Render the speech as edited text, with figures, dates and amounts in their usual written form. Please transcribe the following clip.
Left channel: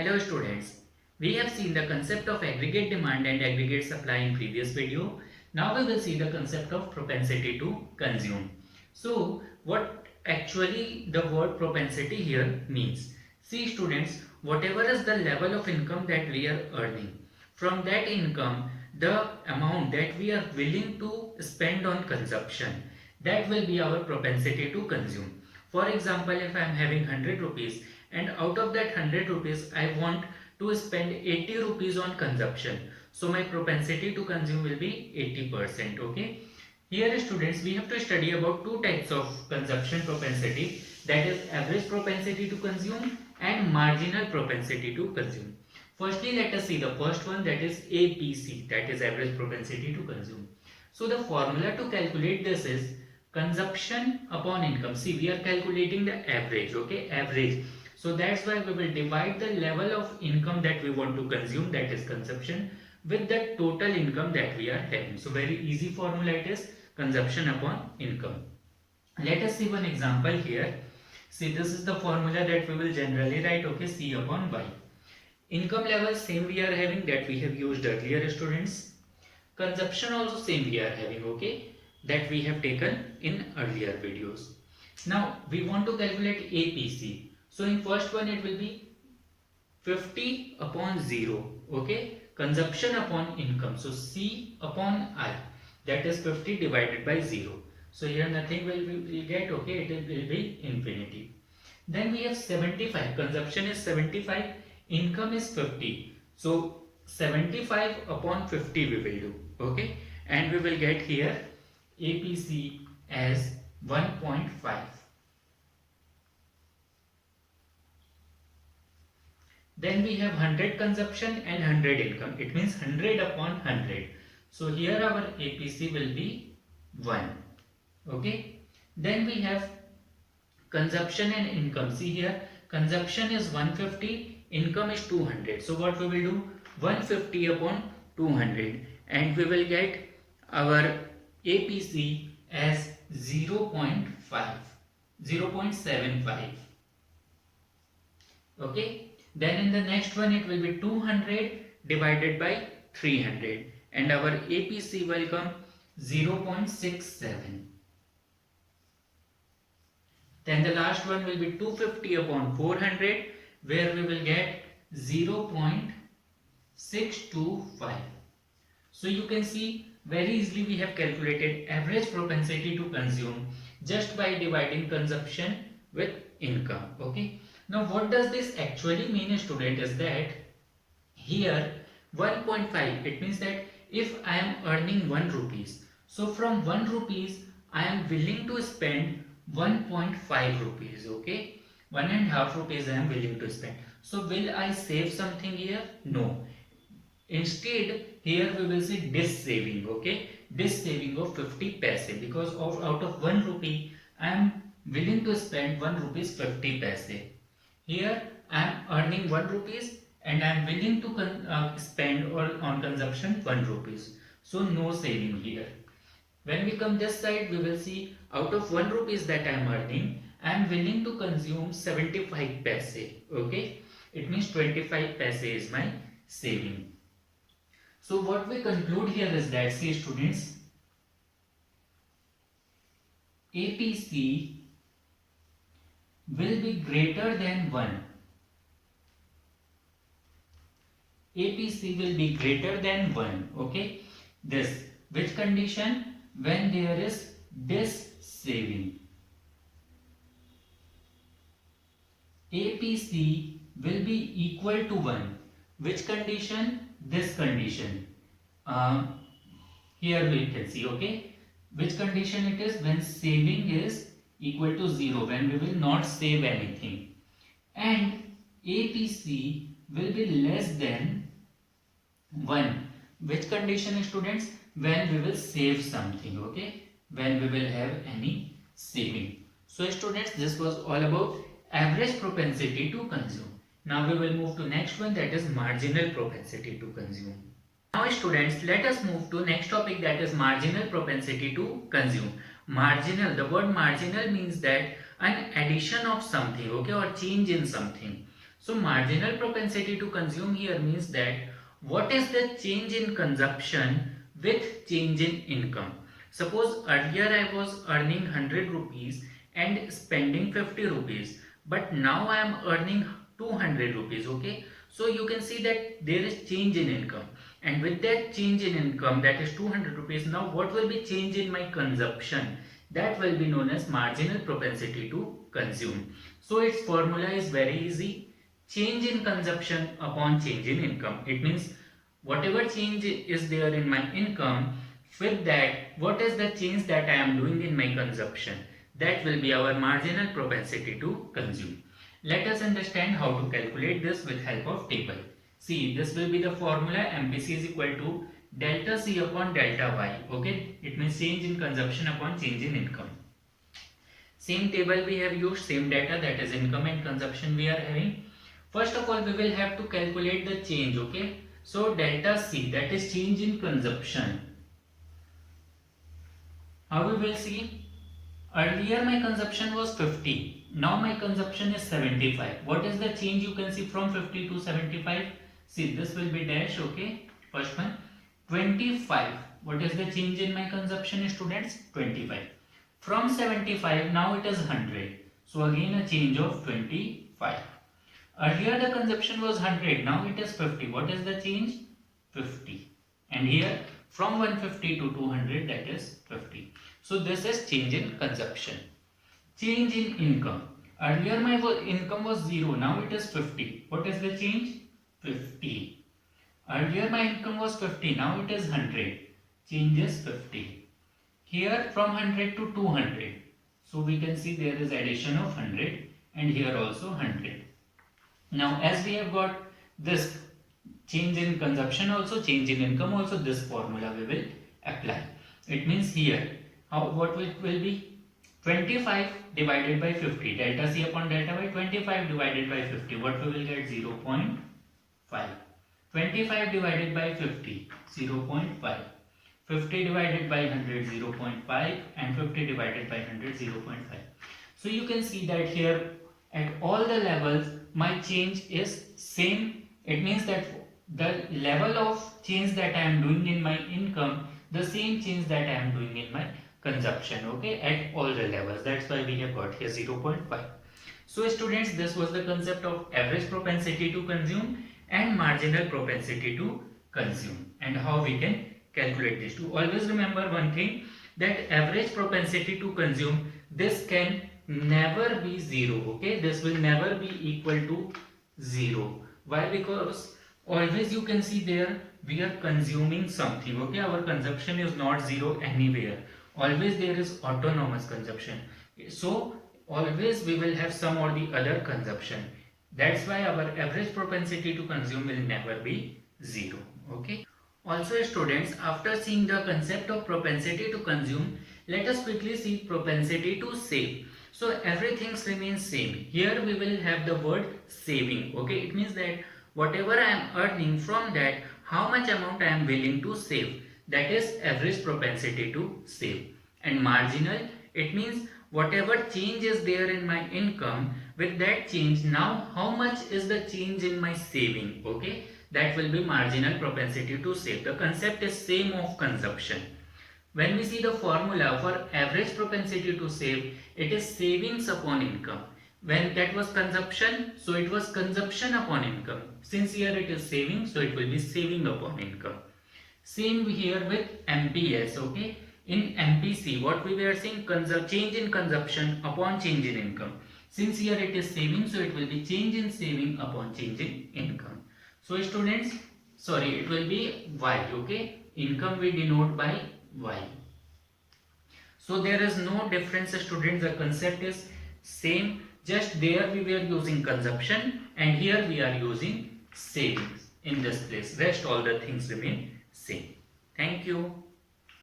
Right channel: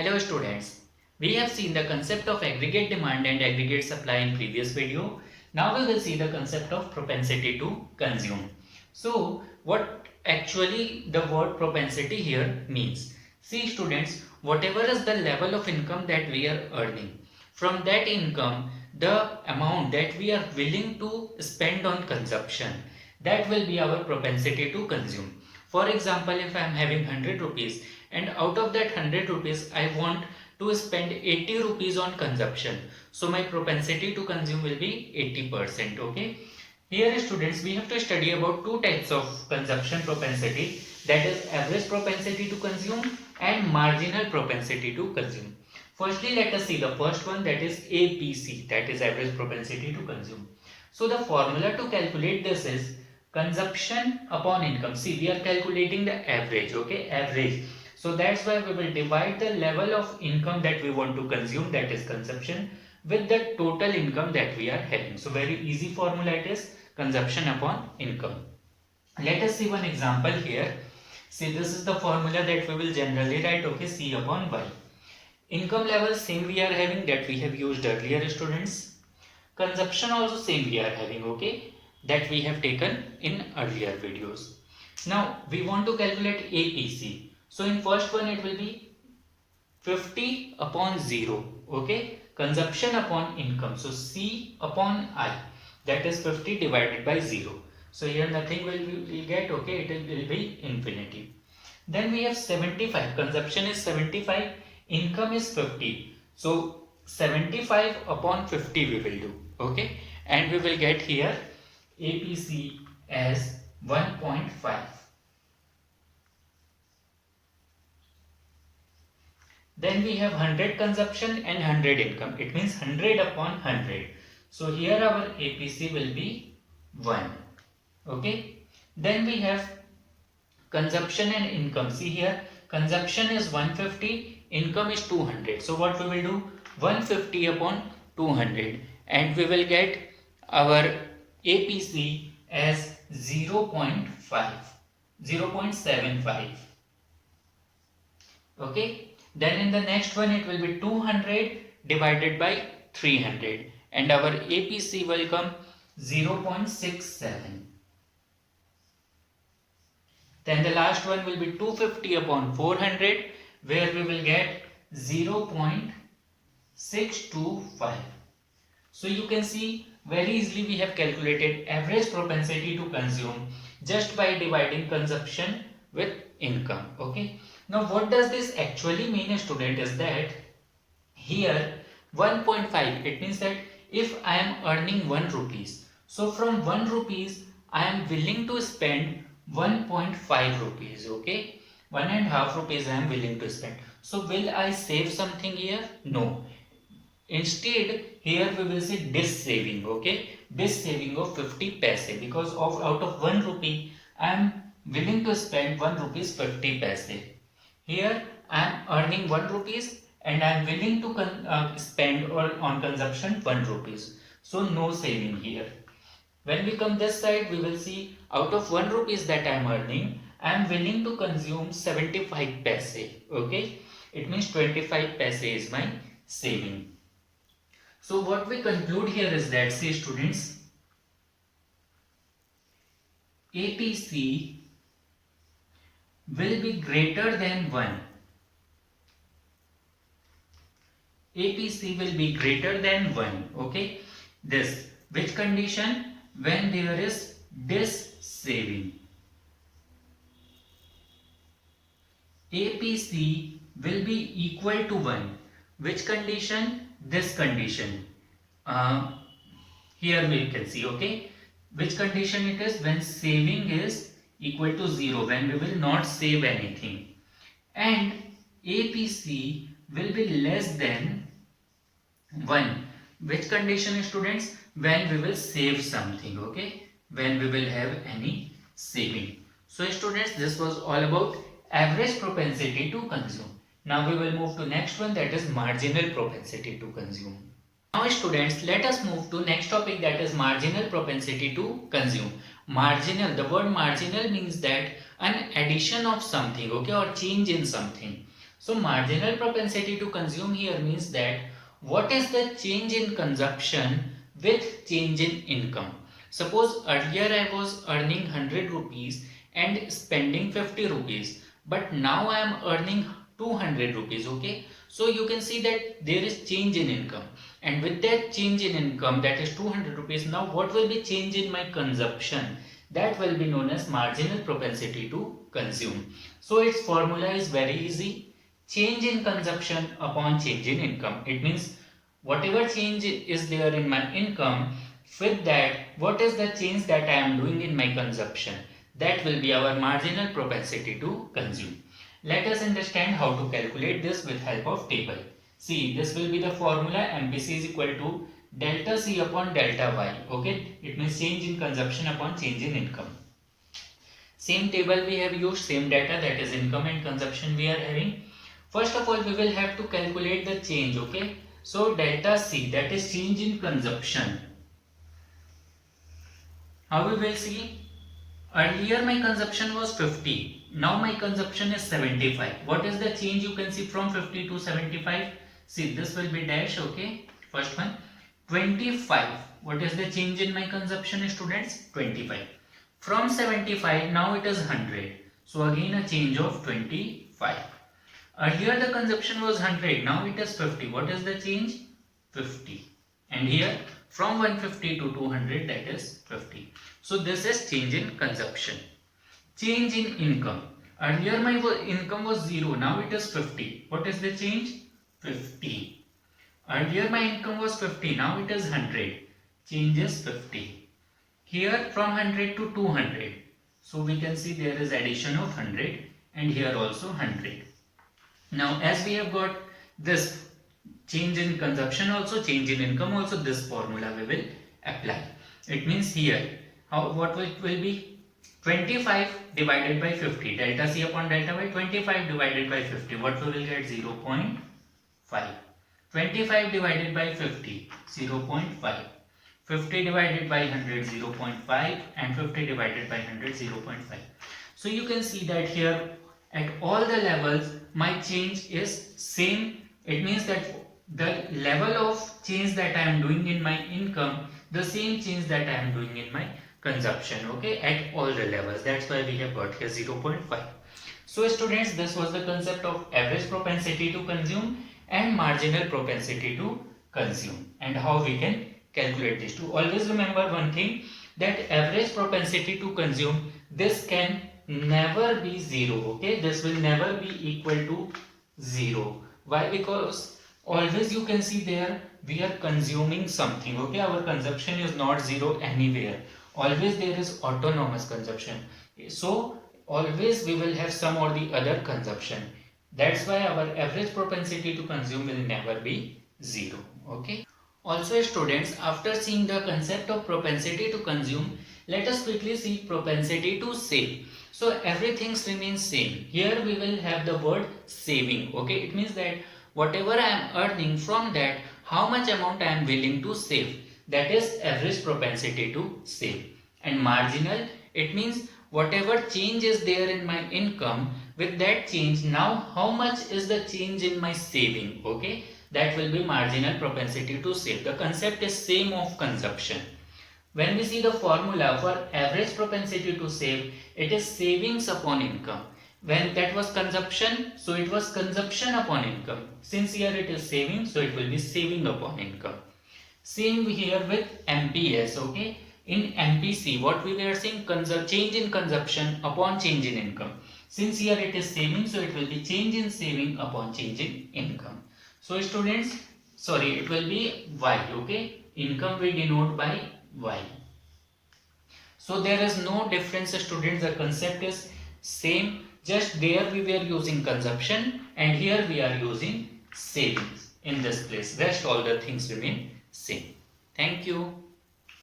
Hello students, we have seen the concept of aggregate demand and aggregate supply in previous video. Now we will see the concept of propensity to consume. So what actually the word propensity here means? See students, whatever is the level of income that we are earning, from that income the amount that we are willing to spend on consumption, that will be our propensity to consume. For example, if I am having 100 rupees and out of that 100 rupees I want to spend 80 rupees on consumption, so my propensity to consume will be 80%. Okay, here students we have to study about two types of consumption propensity, that is average propensity to consume and marginal propensity to consume. Firstly, let us see the first one, that is APC, that is average propensity to consume. So the formula to calculate this is consumption upon income. See, we are calculating the average, okay, average. So that's why we will divide the level of income that we want to consume, that is consumption, with the total income that we are having. So very easy formula it is, consumption upon income. Let us see one example here. See, this is the formula that we will generally write, okay, C upon Y. Income level same we are having, that we have used earlier students. Consumption also same we are having, okay, that we have taken in earlier videos. Now we want to calculate APC. So in first one it will be 50 upon 0, okay, consumption upon income. So C upon I, that is 50 divided by 0. So here nothing will get, okay, it will be infinity. Then we have 75, consumption is 75, income is 50. So 75 upon 50 we will do, okay, and we will get here APC as 1.5. Then we have 100 consumption and 100 income. It means 100 upon 100. So here our APC will be 1. Okay. Then we have consumption and income. See here, consumption is 150, income is 200. So what we will do? 150 upon 200, and we will get our APC as 0.5, 0.75. Okay. Then in the next one it will be 200 divided by 300, and our APC will come 0.67. Then the last one will be 250 upon 400, where we will get 0.625. So you can see very easily we have calculated average propensity to consume just by dividing consumption with income. Okay. Now what does this actually mean, student, is that here 1.5, it means that if I am earning 1 rupees, so from 1 rupees I am willing to spend 1.5 rupees, okay, 1.5 rupees I am willing to spend. So will I save something here? No. Instead here we will say dis saving, okay, dis saving of 50 paise, because of out of 1 rupee I am willing to spend 1 rupees 50 paise. Here I am earning 1 rupees and I am willing to spend on consumption 1 rupees. So no saving here. When we come this side, we will see out of 1 rupees that I am earning, I am willing to consume 75 paise. Okay, it means 25 paise is my saving. So what we conclude here is that, see students, APC will be greater than 1. APC will be greater than 1. Okay, this, which condition? When there is dis saving. APC will be equal to 1. Which condition? This condition. Here we can see, okay, which condition it is? When saving is equal to 0, when we will not save anything, and APC will be less than 1. Which condition, students? When we will save something, okay, when we will have any saving. So students, this was all about average propensity to consume. Now we will move to next one, that is marginal propensity to consume. Now students, let us move to next topic, that is marginal propensity to consume. Marginal, the word marginal means that an addition of something, okay, or change in something. So marginal propensity to consume here means that what is the change in consumption with change in income. Suppose earlier I was earning 100 rupees and spending 50 rupees, but now I am earning 200 rupees. Okay, so you can see that there is change in income, and with that change in income, that is 200 rupees, now what will be change in my consumption? That will be known as marginal propensity to consume. So its formula is very easy: change in consumption upon change in income. It means whatever change is there in my income, with that what is the change that I am doing in my consumption, that will be our marginal propensity to consume. Let us understand how to calculate this with help of table. See, this will be the formula: MPC is equal to delta C upon delta Y. Okay, it means change in consumption upon change in income. Same table we have used, same data, that is income and consumption we are having. First of all, we will have to calculate the change. Okay, so delta C, that is change in consumption. How we will see? Earlier my consumption was 50. Now my consumption is 75. What is the change you can see from 50 to 75? See, this will be dash. Okay, first one, 25. What is the change in my consumption, students? 25. From 75, now it is 100. So again a change of 25. Earlier the consumption was 100, now it is 50. What is the change? 50. And here from 150 to 200, that is 50. So this is change in consumption. Change in income. Earlier my income was 0, now it is 50. What is the change? 50. Earlier my income was 50, now it is 100. Change is 50. Here from 100 to 200. So we can see there is addition of 100, and here also 100. Now as we have got this change in consumption also, change in income also, this formula we will apply. It means here what it will be? 25 divided by 50, delta C upon delta Y. 25 divided by 50, what we will get? 0.5. 25 divided by 50, 0.5. 50 divided by 100, 0.5, and 50 divided by 100, 0.5. So you can see that here at all the levels my change is same. It means that the level of change that I am doing in my income, the same change that I am doing in my consumption. Okay, at all the levels. That's why we have got here 0.5. So students, this was the concept of average propensity to consume and marginal propensity to consume, and how we can calculate this. To always remember one thing, that average propensity to consume, this can never be 0. Okay, this will never be equal to 0. Why? Because always you can see there we are consuming something. Okay, our consumption is not 0 anywhere. Always there is autonomous consumption. So always we will have some or the other consumption. That's why our average propensity to consume will never be 0. Okay. Also students, after seeing the concept of propensity to consume, let us quickly see propensity to save. So everything remains same. Here we will have the word saving. Okay, it means that whatever I am earning, from that how much amount I am willing to save, that is average propensity to save. And marginal, it means whatever change is there in my income, with that change now how much is the change in my saving. Okay, that will be marginal propensity to save. The concept is same of consumption. When we see the formula for average propensity to save, it is savings upon income. When that was consumption, so it was consumption upon income. Since here it is saving, so it will be saving upon income. Same here with MPS. Okay, in MPC what we were saying, change in consumption upon change in income. Since here it is saving, so it will be change in saving upon change in income. So students, sorry, it will be Y. Okay, income we denote by Y. So there is no difference, students. The concept is same, just there we were using consumption and here we are using savings in this place. Rest all the things remain same. Thank you.